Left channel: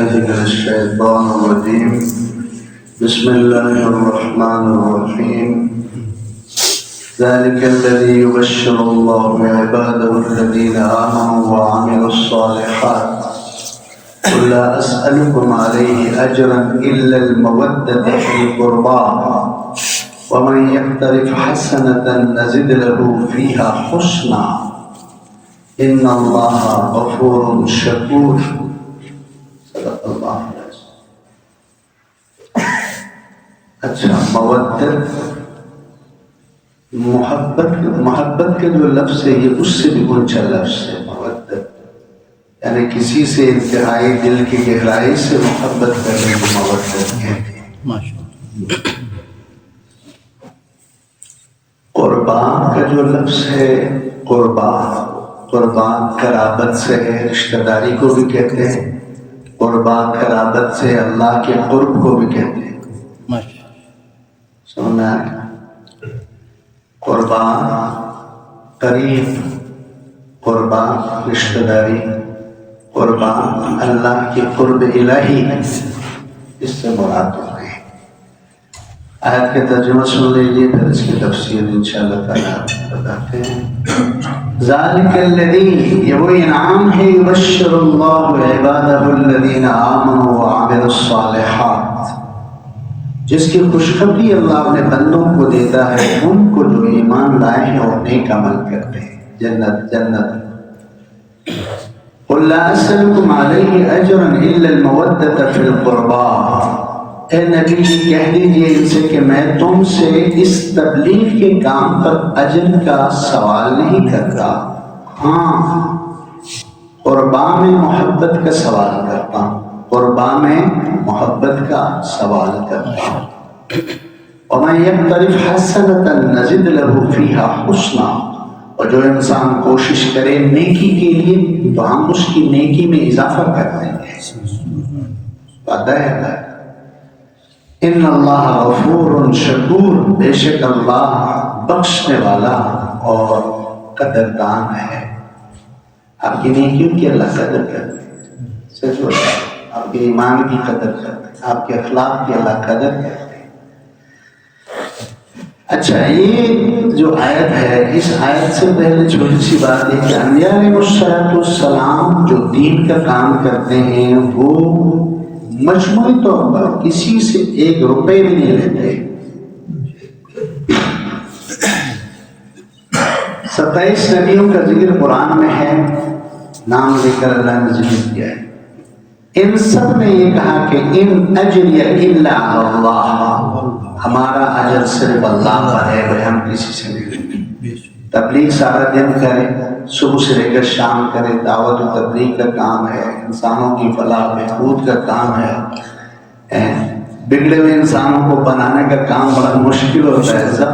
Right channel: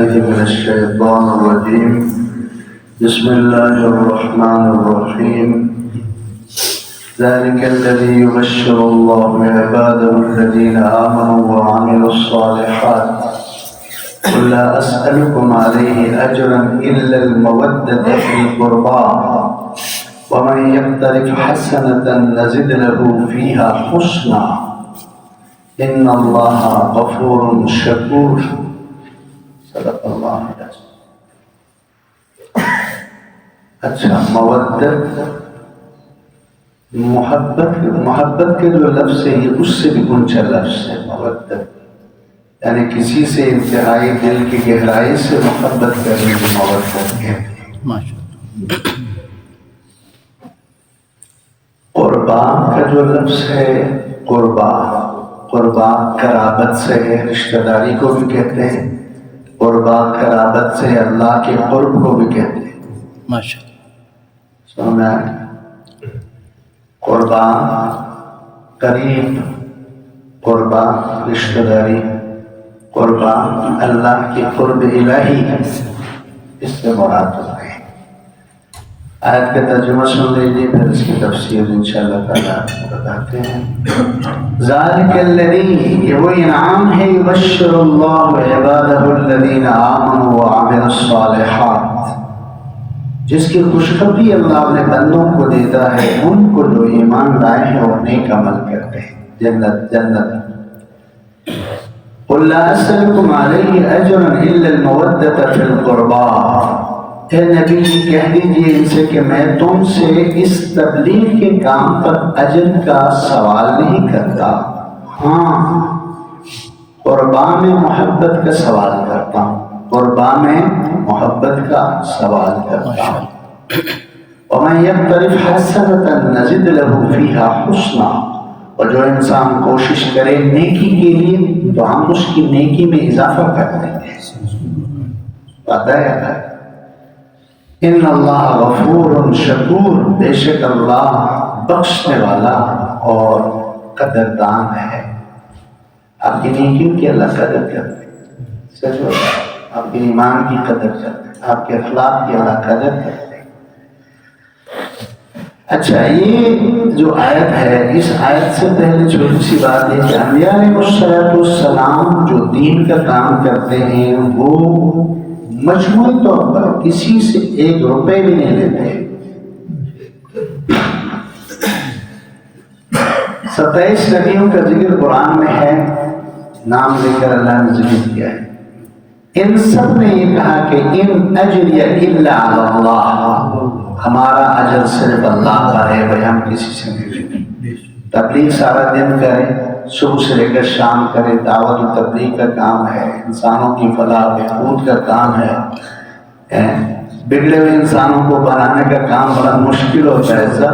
من الشيطان الرجيم بسم الله الرحمن الرحيم ذلك الذي يبشر الله عباده الذين آمنوا وعملوا الصالحات قل لا أسألكم عليه أجرا إلا المودة في القربى ومن يقترف حسنة نزد له فيها حسنا إن الله غفور شكور صدق اللہ علیہ. اچھا، مودت محبت کے جو لفظ ہے یہ اس سے بھی اونچا لفظ ہے. مودت یعنی کسی سے انتہائی دل کی گہرائی سے محبت کرنے کی مودت کہتے ہیں. قربان کا جو لفظ ہے قربان قرابت سے ہے، رشتہ داری کو بھی کہتے ہیں. قربان قرابت سے اللہ کے قرب کو بھی کہتے ہیں. سننا ہے قربان قریب، قربان رشتہ داری، قربان اللہ کے قرب الہی، اس سے مراد ہو گئے. آیت کا ترجمہ سن لیجیے، پھر اس کی تفسیر انشاءاللہ تعالیٰ بتاتے ہیں. ذالک الذی، یہ وہ انعام ہے، یبشر اللہ عبادہ الذین آمنوا وعملوا الصالحات، جس کی خوشخبری اللہ اپنے بندوں کو دیتا ہے، ان کو جو ایمان لائے ہیں اور نیک عمل کرتے ہیں. جنت قل لا اسألکم علیہ اجرا الا المودۃ فی القربى، اے نبی کہہ دیجئے ان سے کہ میں تم سے اس تبلیغ کے کام پر اجر کا سوال نہیں کرتا، ہاں قربا میں محبت کا سوال کرتا ہوں، قربا میں محبت کا سوال کرتا ہوں. وَمَن يَقْتَرِفْ حَسَنَةً نَزِدْ لَهُ فِيهَا حُسْنًا، اور جو انسان کوشش کرے نیکی کے لیے تو ہم اس کی نیکی میں اضافہ کر دیں گے. ان اللہ غفور شکور، بے شک اللہ بخشنے والا اور قدردان ہے. آپ کی نیکیوں کی اللہ قدر کرتے ہیں، سچ بات، آپ کے ایمان کی قدر کرتے ہیں، آپ کے اخلاق کی اللہ قدر کرتے ہیں. اچھا، یہ جو آیت ہے، اس آیت سے پہلے چھوٹی سی بات ہے کہ انبیاء علیہ السلام جو دین کا کام کرتے ہیں وہ مجموعی طور پر کسی سے 1 روپے بھی نہیں لیتے. 27 نبیوں کا ذکر قرآن میں ہے، نام لے کر اللہ نے ذکر کیا ہے. ان سب نے یہ کہا کہ ان اجری الا علی اللہ، ہمارا اجر صرف اللہ پر ہے، بھائی ہم کسی سے نہیں لیں گے. تبلیغ سارا دن کرے، صبح سے لے کر شام کرے، دعوت و تبلیغ کا کام ہے، انسانوں کی فلاح بہبود کا کام ہے. بگڑے ہوئے انسانوں کو بنانے کا کام بڑا مشکل ہوتا ہے. سب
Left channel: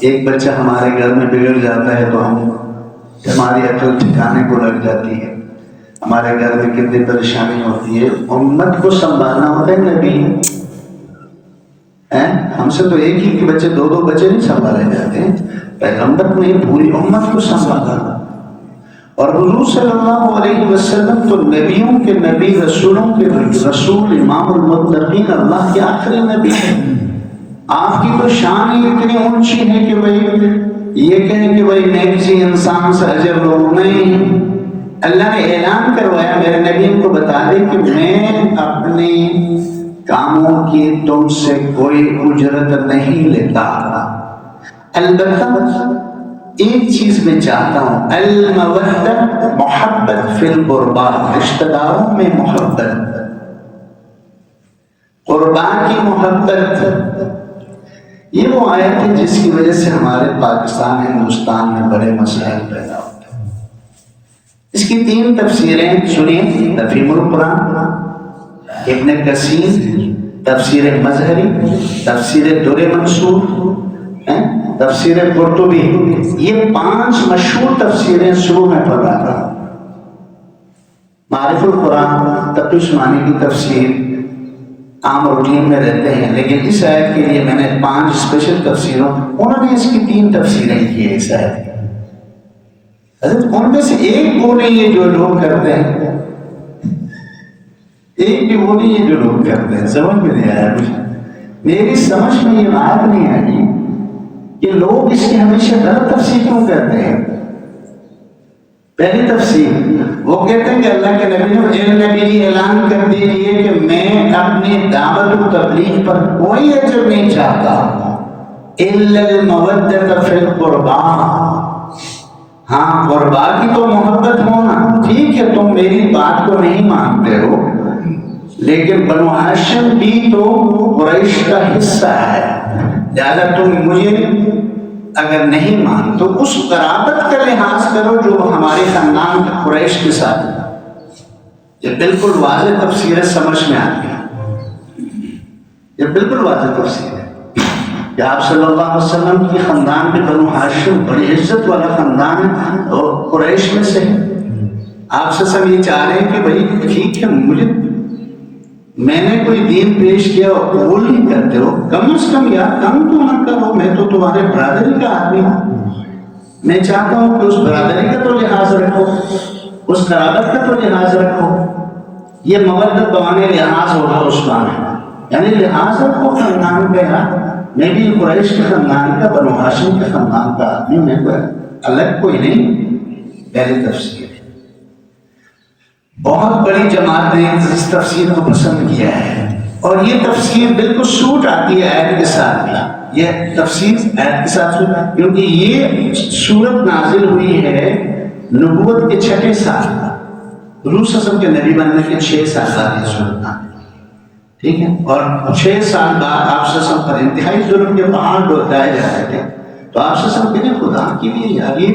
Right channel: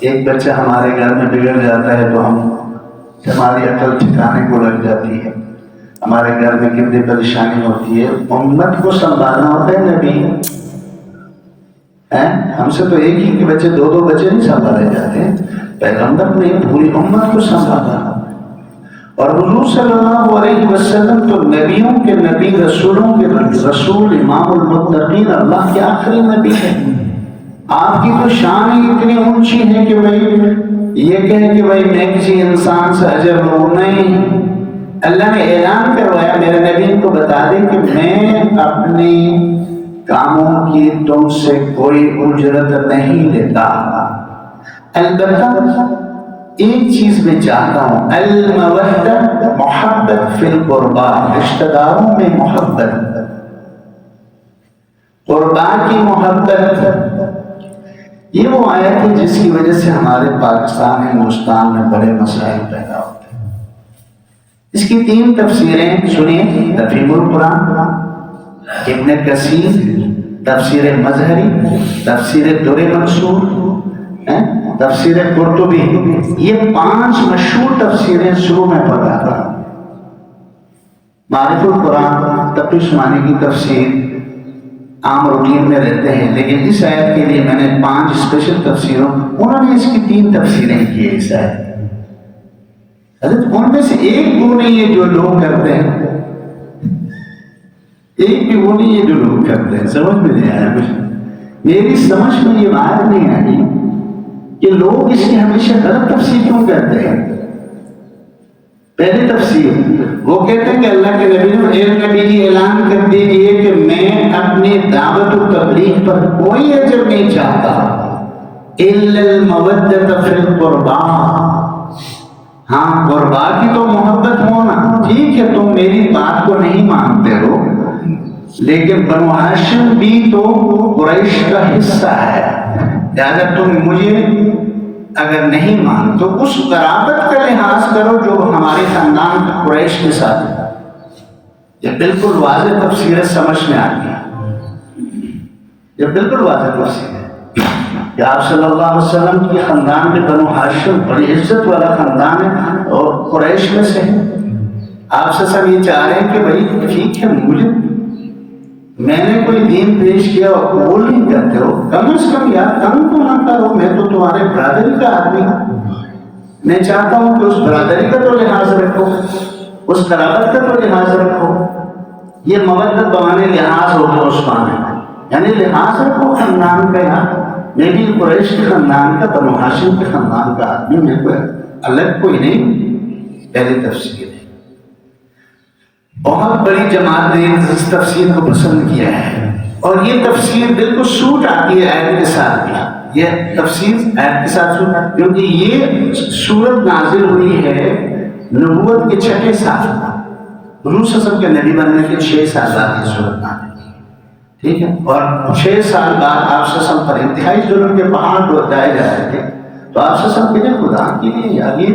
ایک بچہ ہمارے گھر میں بگڑ جاتا ہے تو ہماری عقل ٹھکانے کو لگ جاتی ہے. ہمارے گھر میں کتنی پریشانی ہوتی ہے. امت کو سنبھالنا ہوتا ہے نبی، ہم سے تو ایک ہی کے بچے 2 بچے نہیں سنبھالے جاتے ہیں. پیغمبر نے پوری امت کو سنبھالا، اور حضور صلی اللہ علیہ وسلم تو نبیوں کے نبی، رسولوں کے رسول، امام المتقین، اللہ کے آخری نبی ہیں. آپ کی تو شان ہی اتنی اونچی ہے کہ بھائی یہ کہے کہ بھائی میں کسی انسان سے اجر لوں نہیں. اللہ نے اعلان کروایا میرے نبی کو بتا دے کہ میں اپنے کاموں کی تم سے کوئی اجرت نہیں لیتا. البتہ ایک چیز میں چاہتا ہوں، المودہ، محبت فی القربا، رشتہ داروں میں محبت، قربان کی محبت. یہ وہ آیت ہے جس کی وجہ سے ہمارے پاکستان ہندوستان میں بڑے مسائل پیدا ہوتے ہیں. اس کی 3 تفسیریں سنیے. تفہیم القرآن، ابن کثیر، تفسیر مظہری، تفسیر در منصور، تفسیر قرطبی. یہ 5 مشہور تفسیریں شروع میں پڑھ رہا تھا. معرف القرآن، تقی عثمانی کی تفسیر عام روٹین میں رہتے ہیں، لیکن اس آیت کے لیے میں نے 5 اسپیشل تفسیروں، انہوں نے اس کی 3 تفسیریں کی ہے اس آیت. حضرت ان میں سے ایک وہ نہیں ہے جو لوگ کرتے ہیں ایک بھی وہ نہیں ہے جو لوگ کرتے ہیں. سمجھ میں نہیں آیا مجھے. میری سمجھ میں یہ بات نہیں آئی کہ لوگ اس کی ہمیشہ غلط تفسیر کیوں کرتے ہیں. پہلی تفسیر وہ کہتے ہیں کہ اللہ کے نبی نے اے نبی جی اعلان کر دیجئے کہ میں اپنی دعوت و تبلیغ پر کوئی اجر نہیں چاہتا الا المودۃ فی القربا. ہاں قربا کی تو محبت ہونا ٹھیک ہے، تم میری بات کو نہیں مانتے ہو، لیکن بنو ہاشم بھی تو قریش کا حصہ ہے، لہذا تم مجھے اگر نہیں مان تو اس قرابت کا لحاظ کرو جو ہمارے خاندان کے قریش کے ساتھ ہے. یہ بالکل واضح تفسیر ہے، سمجھ میں آتی ہے. یہ بالکل واضح تفسیر ہے کہ آپ صلی اللہ علیہ وسلم کی خاندان میں بنو ہاشم بڑی عزت والا خاندان ہے اور قریش میں سے ہے. آپ سے سب یہ چاہ رہے ہیں کہ بھائی ٹھیک ہے، مجھے میں نے کوئی دین پیش کیا اور قبول نہیں کرتے ہو، کم از کم یار کم تو نہ کرو، میں تو تمہارے برادری کا آدمی ہوں. میں چاہتا ہوں کہ اس برادری کا تو لحاظ رکھو، اس قرابت کا تو لحاظ رکھو. یہ مودت بوانے لحاظ ہوگا عثمان ہے، یعنی لحاظ رکھو خاندان کا. یار میں بھی قریش کے خاندان کا، بنو ہاشم کے خاندان کا آدمی، میں کوئی الگ کوئی نہیں. پہلی تفسیر ہے. بہت بڑی جماعت نے اس تفسیر کو پسند کیا ہے اور یہ تفسیر بالکل سوٹ آتی ہے آیت کے ساتھ. یہ تفسیر آیت کے ساتھ سوٹ، کیونکہ یہ سورت نازل ہوئی ہے نبوت کے 6 سال، حضور صلی اللہ علیہ وسلم کے نبی بننے کے 6 سال بعد یہ سورت نازل ہوئی. ٹھیک ہے، اور 6 سال بعد آپ صلی اللہ علیہ وسلم پر انتہائی ظلم کے پہاڑ ڈائے جا رہے تھے. تو آپ سے سب کہتے خدا کے لیے یار یہ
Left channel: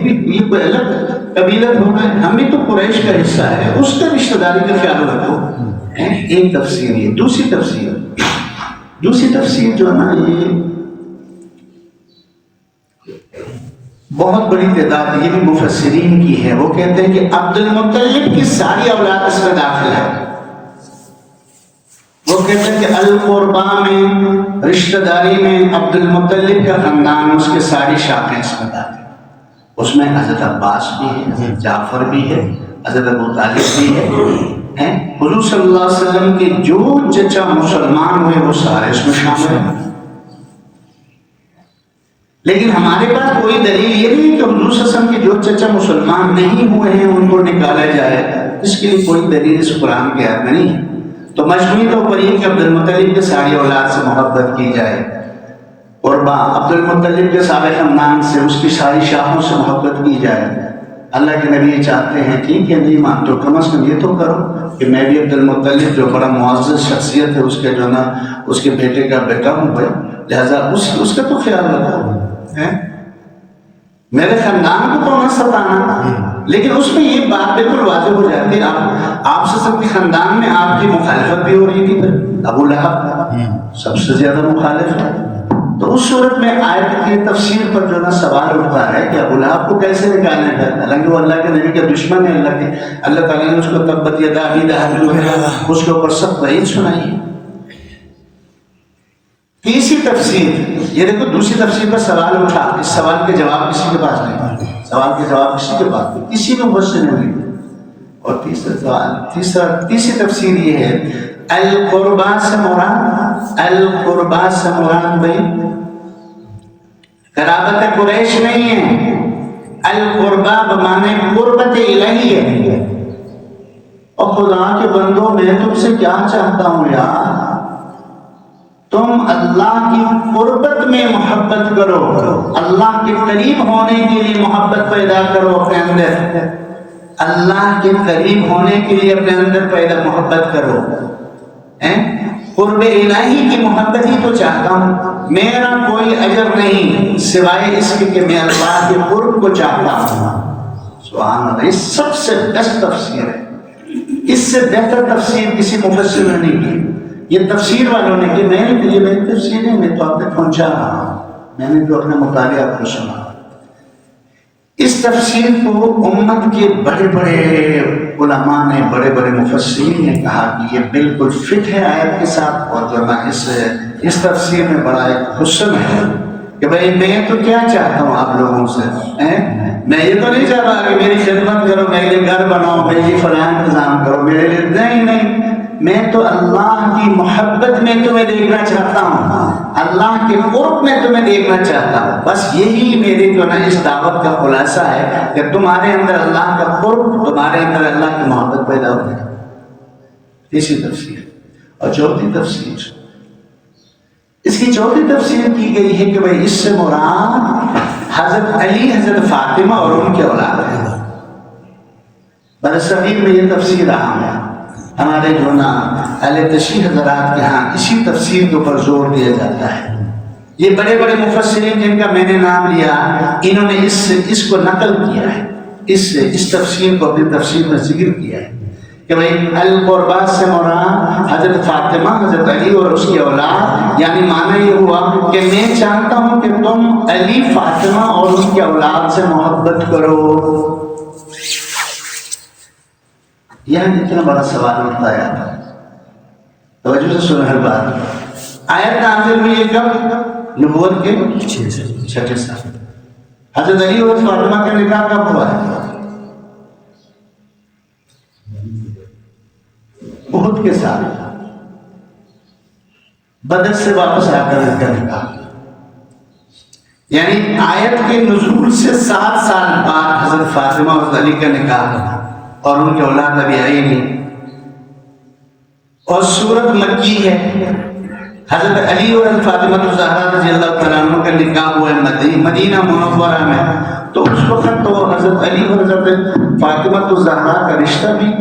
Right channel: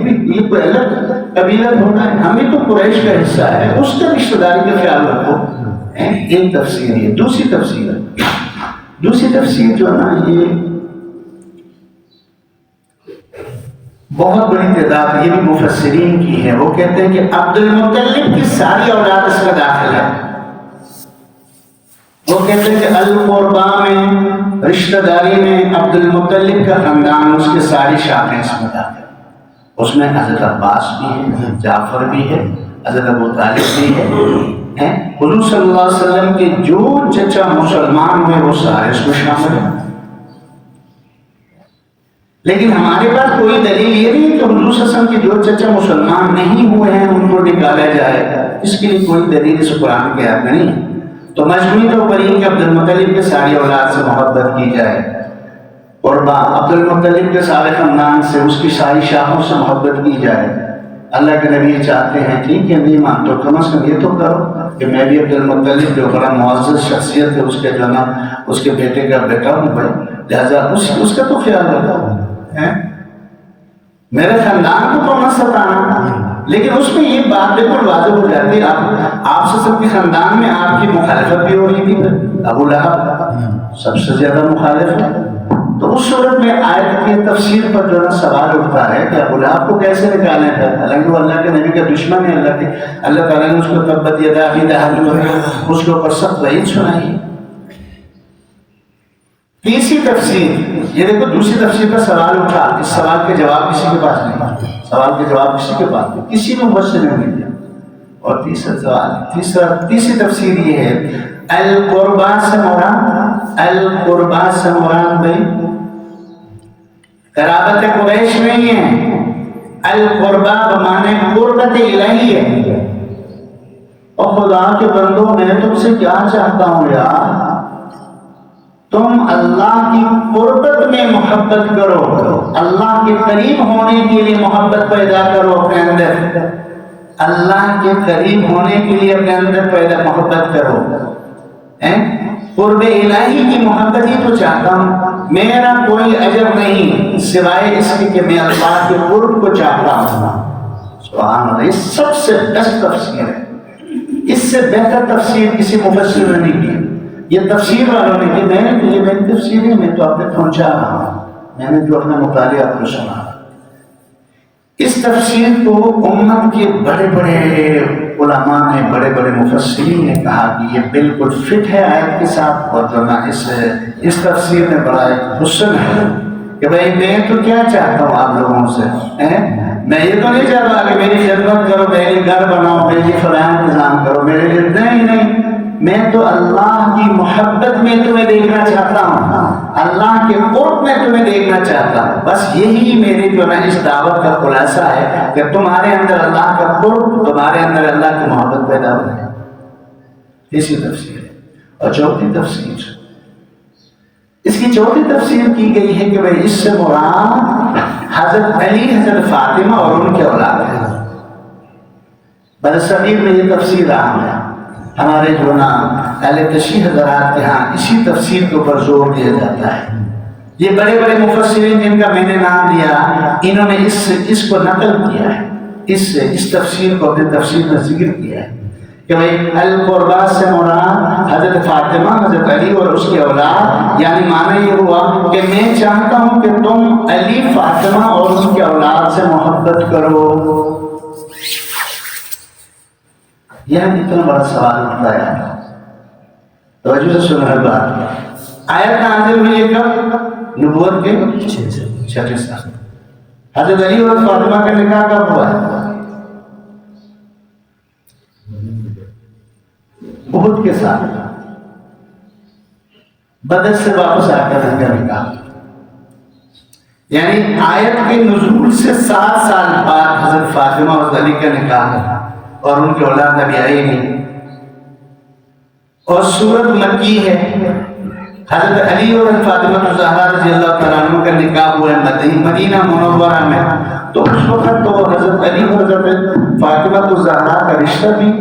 کوئی الگ قبیلہ ہونا ہے، ہمیں تو قریش کا حصہ ہے، اس کا رشتہ داری کا خیال رکھو. ایک تفسیر ہے. دوسری تفسیر جو ہے نا، یہ بہت بڑی تعداد یہ بھی مفسرین کی ہے. وہ کہتے ہیں کہ عبد المطلب کی ساری اولاد اس میں داخل ہے. وہ کہتے ہیں کہ القربا میں، رشتہ داری میں عبد المطلب کا خاندان، اس کے ساری شاخیں اس میں داخل. اس میں حضرت عباس بھی ہے، حضرت جعفر بھی ہے، حضرت ابو طالب بھی ہے. حضور صلی اللہ علیہ وسلم کے جو چچا مسلمان ہوئے وہ سارے اس میں شامل ہیں. لیکن ہمارے پاس کوئی دلیل یہ نہیں کہ حضور صلی اللہ علیہ وسلم کے جو چچا مسلمان نہیں ہوئے ہیں ان کو نکالا جائے. اس کے لیے کوئی دلیل اس قرآن کے آیت میں نہیں ہے. تو مجموعی طور پر یہ کہ عبد المطلب کے ساری اولاد سے محبت کی جائے، قربا عبد المطلب کے سارے خاندان سے، اس کی ساری شاخوں سے محبت کی جائے. اللہ کے نبی چاہتے ہیں ٹھیک ہے نہیں مان تو کم از کم یہ تو کرو کہ میں بھی عبد المطلب جو بڑا معزز شخصیت ہے اس کے جو نا اس کے بیٹے کا بیٹا ہوں بھائی، لہٰذا اس کا تو خیال رکھو. میرے خاندان کو تو نہ ستانا. لیکن اس میں یہ بات بالکل واضح ہو جاتی ہے. آپ سے سب کے خاندان میں آپ کی مخالفت بھی ہو رہی تھی. ابو لہب سب سے زیادہ مخالف ہے. تو اس صورت میں آیت کی تفسیر پر جو نا سوال اٹھتا ہے کہ ابو لہب کو کیسے نکالیں گے، حالانکہ وہ اللہ کے نبی کا دشمن ہے. اللہ تعالیٰ نے اس کو تبت یدا ابی لہب اس کے اوپر سخت وعید سنائی. تیسری تفسیر یہ دیکھو، دوسری تفسیر پر سوال اٹھا، اس سوال کے جواب کسی کے پاس نہیں، سوال کے جواب کسی کے پاس نہیں، کسی نے مفسر نے نہیں دیا. اور تیسری تفسیر یہ ہے القربا سے مراد بھائی قرابت قریش نہیں ہے. القربا بمانے قربت الہی ہے. اور خدا کے بندوں میں تم سے کیا چاہتا ہوں یار، تم اللہ کی قربت میں محبت کرو، اللہ کے قریب ہونے کے لیے محبت پیدا کرو اپنے اندر. اللہ کے قریب ہونے کے لیے اپنے اندر محبت کرو. قرب الہی کی محبت ہی تو چاہتا ہوں. میرا کوئی اجر نہیں سوائے اس کے کہ میں اللہ کے قرب کو چاہتا ہوں. سبحان اللہ. یہ سب سے بیسٹ تفسیر ہے. اس سے بہتر تفسیر کسی مفسر نے نہیں کی. یہ تفسیر والوں نے کہ یہ میری تفسیر ہے، میں تو آپ تک پہنچا رہا ہوں، میں نے جو اپنا مطالعہ آپ کو سنا. اس تفسیر کو امت کے بڑے بڑے علماء نے، بڑے بڑے مفسرین نے کہا کہ یہ بالکل فٹ ہے آیت کے ساتھ. اور جو میں اس تفسیر میں بڑا ایک حسن ہے کہ بھائی میں تو کیا چاہتا ہوں آپ لوگوں سے، میں یہ تو نہیں چاہتا کہ میری خدمت کرو، میرے گھر بناؤ، میرے لیے فلاں انتظام کرو، میرے لیے نہیں. میں تو اللہ کی محبت میں تمہیں دیکھنا چاہتا ہوں، اللہ کے قرب میں تمہیں دیکھنا چاہتا ہوں. بس یہی میرے جو نا اس دعوت کا خلاصہ ہے کہ تمہارے اندر اللہ کا قرب، تمہارے اندر اللہ کی محبت پیدا ہو جائے. اسی تفسیر. اور چوتھی تفسیر، اس کی چوتھی تفسیر کی گئی ہے کہ بھائی اس سے مراد حضرت علی، حضرت فاطمہ اور ان کے اولاد ہے. برصغیر میں یہ تفسیر عام ہے. ہمارے جو نا اہل تشریح حضرات کے ہاں اسی تفسیر کے اوپر زور دیا جاتا ہے. یہ بڑے بڑے مفسرین جن کا میں نے نام لیا، انہوں نے اس کو نقل کیا ہے، اس تفسیر کو اپنی تفسیر میں ذکر کیا ہے کہ بھائی القربات سے مراد حضرت فاطمہ، حضرت علی اور اس کے اولاد. یعنی معنی یہ ہوا کہ میں چاہتا ہوں کہ تم علی، فاطمہ اور ان کے اولاد سے محبت کرو. یعنی اتنا بڑا سوال اٹھتا ہے. توجہ سے سن ہر بات. آیت نازل ہوئی ہے کب؟ نبوت کے 6 سال. حضرت علی اور فاطمہ کا نکاح کب ہوا ہے؟ احد کے ساتھ. بدر سے واپس آ کر ان کا نکاح. یعنی آیت کے نزول سے 7 سال بعد حضرت فاطمہ اور علی کا نکاح اور ان کی اولاد ابھی آئی نہیں. اور سورت مکی ہے. حضرت علی اور فاطمہ الزہرا رضی اللہ تعالیٰ عنہ کا نکاح ہوا ہے مدینہ منورہ میں. تو اس وقت تو حضرت علی اور حضرت فاطمہ الزہرا کا رشتہ بھی،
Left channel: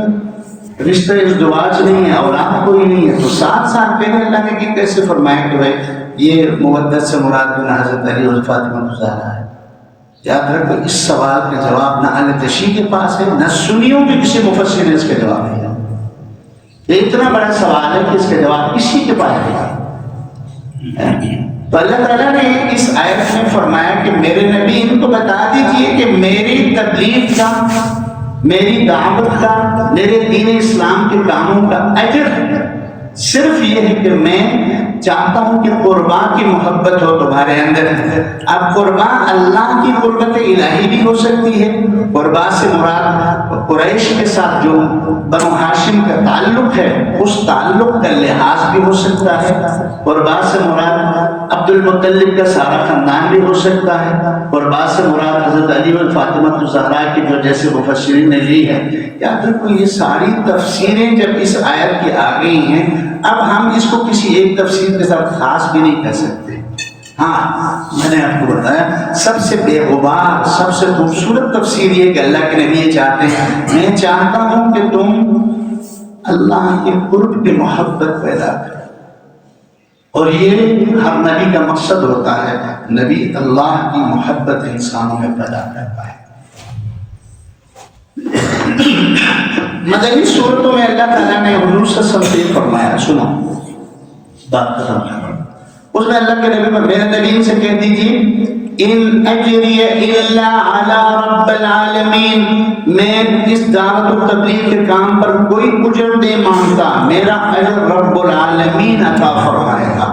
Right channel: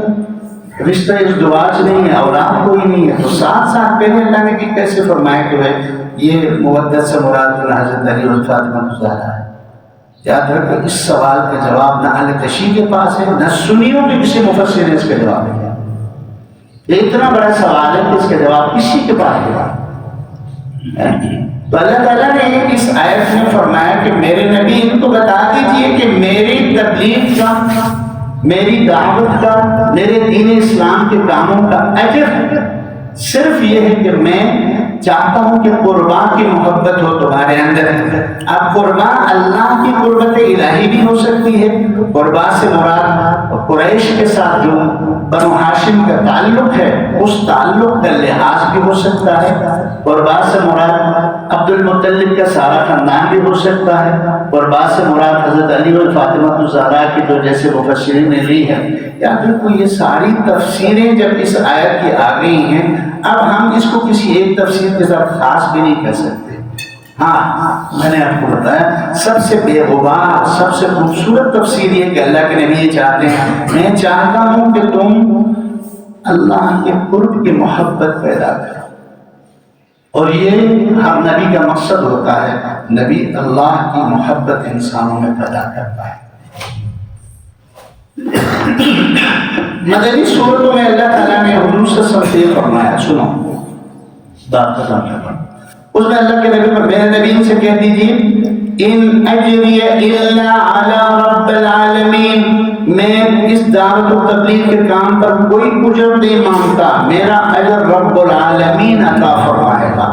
رشتہ ازدواج نہیں ہے، اولاد کوئی نہیں ہے. تو 7 سال پہلے اللہ نے کہ کیسے فرمایا کہ بھائی یہ مودت سے مراد حضرت علی اور فاطمہ الزہرا ہے. یاد رکھو اس سوال کا جواب نہ اہل تشیع کے پاس ہے، نہ سنیوں کے کسی مفسر نے اس کا جواب دیا. یہ اتنا بڑا سوال ہے کہ اس کا جواب کسی کے پاس ہے. تو اللہ تعالیٰ نے اس آیت میں فرمایا کہ میرے نبی ان کو بتا دیجئے کہ میری تبلیغ کا، میری دعوت کا، میرے دین اسلام کے کاموں کا اجر صرف یہ ہے کہ میں چاہتا ہوں کہ قربا کی محبت ہو تمہارے اندر. اب قربا اللہ کی قربت الہی بھی ہو سکتی ہے. قربا سے مراد قریش کے ساتھ جو بنو ہاشم کا تعلق ہے اس تعلق کا لحاظ بھی ہو سکتا ہے. قربا سے مراد عبد المطلب کا سارا خاندان بھی ہو سکتا ہے. قربا سے مراد حضرت علی اور فاطمہ الزہرا کی جو جیسے مفسرین نے لی ہے. یاد رکھو یہ ساری تفسیریں جب اس آیت کی آ گئی ہیں، اب ہم اس کو کسی ایک تفسیر کے ساتھ خاص بھی نہیں کر سکتے. ہاں میں نے آپ کو بتایا سب سے بے غبار، سب سے خوبصورت تفسیر یہ کہ اللہ کے نبی یہ چاہتے ہیں میں چاہتا ہوں کہ تم اللہ کے قرب کی محبت پیدا کرو. اور یہ ہر نبی کا مقصد ہوتا ہے، نبی اللہ کی محبت انسانوں میں پیدا کرتا ہے. مدنی صورتوں میں اللہ تعالیٰ نے حضور صلی اللہ علیہ وسلم سے فرمایا، سنو بات ختم ہے. اس میں اللہ کے نبی پر میرے نبی سے کہہ دیجیے ان اجری الا علی رب العالمین، میں اس دعوت و تبلیغ کے کام پر کوئی اجر نہیں مانگتا، میرا اجر رب العالمین عطا فرمائے گا.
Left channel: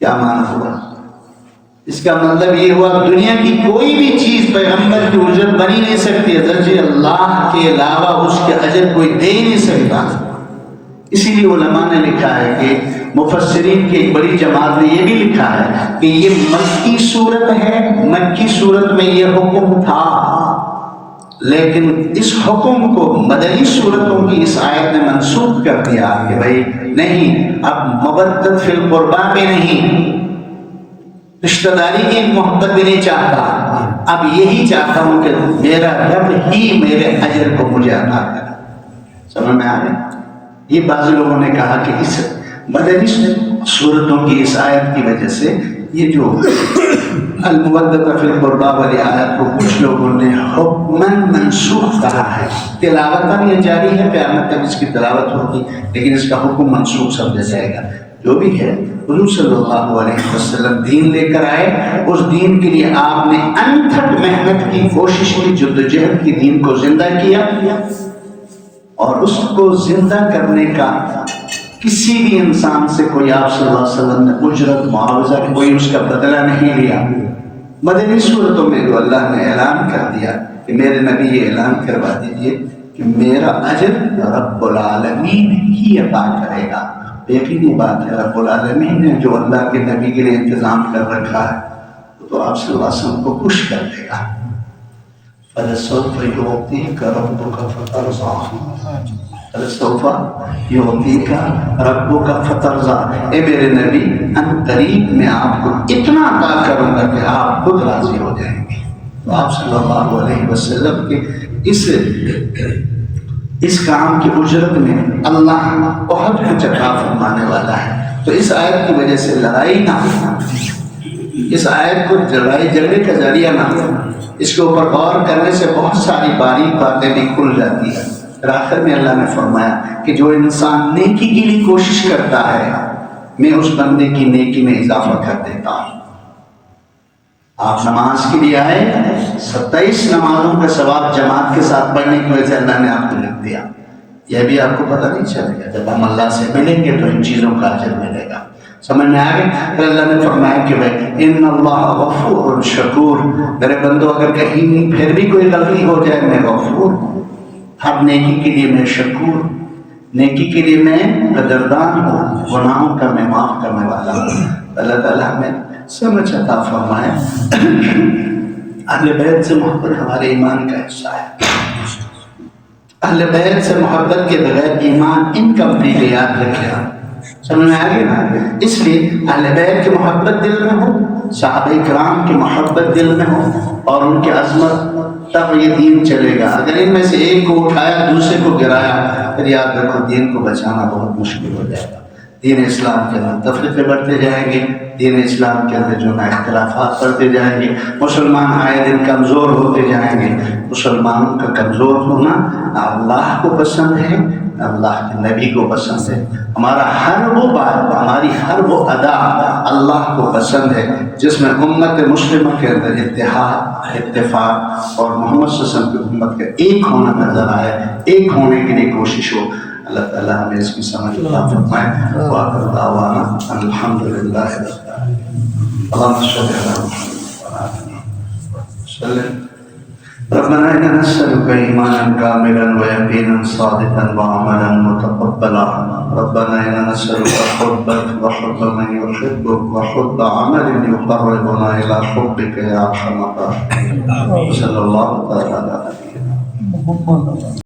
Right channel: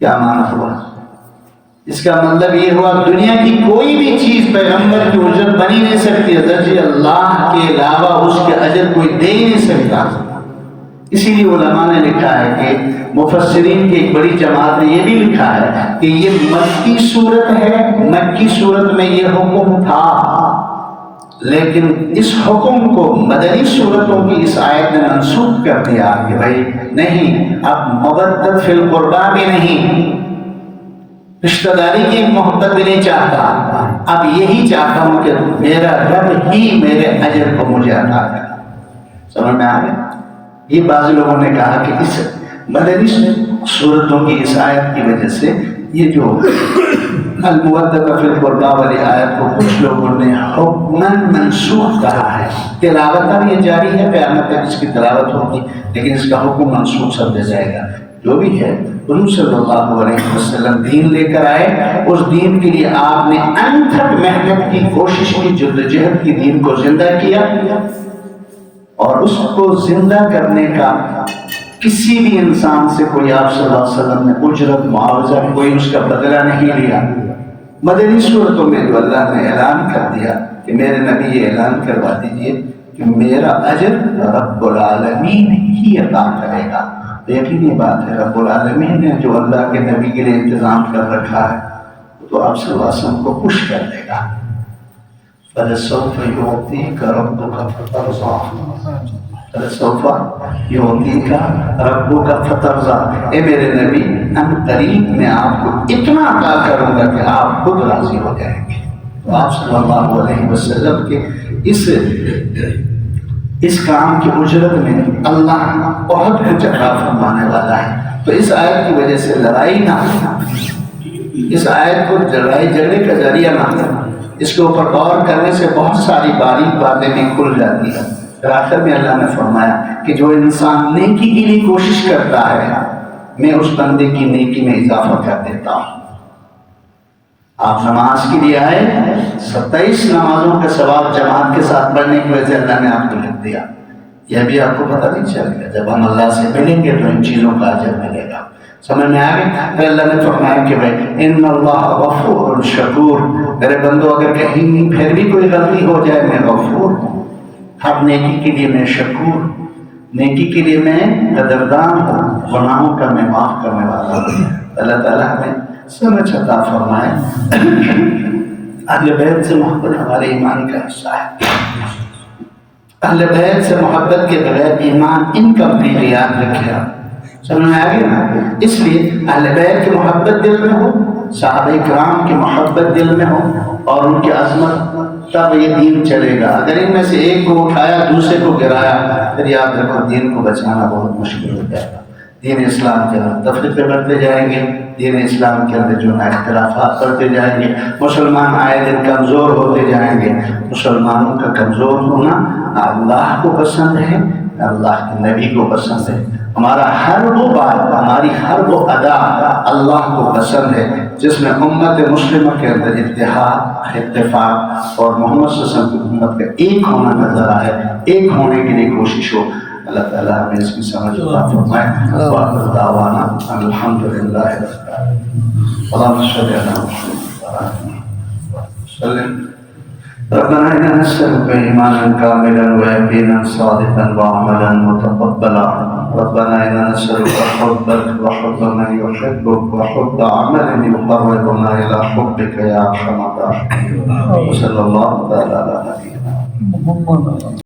کیا معنی ہوا؟ اس کا مطلب یہ ہوا دنیا کی کوئی بھی چیز پیغمبر کی اجرت بنی نہیں سکتی، حضرت اللہ کے علاوہ اس کے اجر کوئی دے ہی نہیں سکتا. اسی لیے علماء نے لکھا ہے کہ مفسرین کی ایک بڑی جماعت نے یہ بھی لکھا ہے کہ یہ مکی صورت ہے، مکی صورت میں یہ حکم تھا، لیکن اس حکم کو مدنی صورتوں کی اس آیت نے منسوخ کر دیا کہ بھائی نہیں، اب مودت فی القربا بھی نہیں، رشتہ داری کی محبت بھی نہیں چاہتا، اب یہی چاہتا ہوں کہ میرا رب ہی میرے اجر کو مجھے عطا کرے. سمجھ میں آ گئی؟ یہ بعض لوگوں نے کہا کہ اس مدنی صورتوں کی اس آیت کی وجہ سے یہ جو المودۃ فی القربا والی آیت کو کچھ لوگوں نے حکماً منسوخ کہا ہے. تلاوت یہ جاری ہے، قیامت تک اس کی تلاوت ہوگی، لیکن اس کا حکم منسوخ سمجھا جائے گا. جو بھی ہے حضور صلی اللہ علیہ وسلم دین لے کر آئے، اس دین کے لیے آپ نے انتھک محنت کی، کوشش کی، جدوجہد کی، دین کو زندہ کیا. اور اس کو زندہ کرنے کا کسی بھی انسان سے کوئی آپ صلی اللہ علیہ وسلم نے اجرت، معاوضہ، کوئی اس کا بدلہ نہیں لیا. مدنی صورتوں میں جو اللہ نے اعلان کر دیا کہ میرے نبی یہ اعلان کروا دیجئے کہ میرا اجر رب العالمین ہی عطا کرے گا. یقینی بات ہے رب العالمین نے جو اللہ کے نبی کے لیے انتظام کر رکھا ہے تو آپ صلی اللہ علیہ وسلم کو خوش کر دے گا. فَلَسَوْفَ يُعْطِيكَ رَبُّكَ فَتَرْضَىٰ فَلَسَوْفَ يُعْطِيكَ رَبُّكَ فَتَرْضَىٰ. اے میرے نبی ان قریب میں آپ کو اتنا عطا کروں گا کہ آپ خود راضی ہو جائیں گے. تو آپ صلی اللہ علیہ وسلم کے اس کام کی اجرت میں اللہ بہت کچھ عطا فرمانے والا ہے. تو اس آیت کی وجہ سے لڑائی نہ ہو، اس آیت کو لڑائی جھگڑے کا ذریعہ نہ ہو. اس کے اوپر غور کرنے سے بہت ساری باریک باتیں بھی کھل جاتی ہیں. پھر آخر میں اللہ نے فرمایا کہ جو انسان نیکی کے لیے کوشش کرتا ہے میں اس بندے کی نیکی میں اضافہ کر دیتا ہوں. آپ نماز کے لیے آئے، 27 نمازوں کا ثواب جماعت کے ساتھ پڑھنے کی وجہ سے اللہ نے آپ کو لکھ دیا. یہ بھی آپ کو پتہ نہیں چلے گا. جب ہم اللہ سے ملیں گے تو ان چیزوں کا اجر ملے گا. سمجھ میں آ گئی؟ پھر اللہ نے فرمایا کہ بھائی ان اللہ غفور شکور، میرے بندو اگر کہیں نہیں پھر بھی کوئی غلطی ہو جائے میں غفور ہوں. ہر نیکی کے لیے میں شکور، نیکی کے لیے میں قدردان ہوں، گناہوں کا میں معاف کرنے والا ہوں. اللہ تعالیٰ ہمیں سمجھ عطا فرمائے. اہل بیت سے محبت ہمارے ایمان کا حصہ ہے. اہل بیت سے محبت کے بغیر ایمان انکمپلیٹ ہے، یاد رکھیے. سمجھ میں آ گئی نا؟ اس لیے اہل بیت کی محبت دل میں ہو، صحابہ کرام کی محبت دل میں ہو اور ان کی عظمت، تب یہ دین چلے گا. اگر ان میں سے ایک کو اٹھایا دوسرے کو گرایا پھر یاد رکھو دین کو بچانا بہت مشکل ہو جائے گا. دین اسلام کے اندر تفریقے بڑھتے جائیں گے، دین اسلام کے اندر جو ہے اختلافات بڑھتے جائیں گے، مسلمان آئے دن کمزور ہوتے جائیں گے. مسلمانوں کا کمزور ہونا اللہ کو پسند ہے، اللہ کے نبی کو پسند ہے. ہمارا ہر وہ بات، ہماری ہر وہ ادا اللہ کو پسند ہے جس میں امت مسلمہ کے اندر اتحاد، اتفاق اور محمد صلی اللہ علیہ وسلم کی امت کا ایک ہونا نظر آئے، ایک ہونے کے لیے کوشش ہو. اللہ تعالیٰ ہمیں اس کی سمجھ عطا فرمائے. وآخر دعوانا الحمدللہ رب العالمین. اللہم صل علی محمد وسلم. ربنا إننا نسألك إيمانا كاملا ويقينا صادقا وعملا متقبلا. ربنا إننا نسألك حبك وحب من يحبك وحب عمل يقربنا إلى حبك يا أرحم الراحمين. وصلى الله تعالى على نبينا محمد.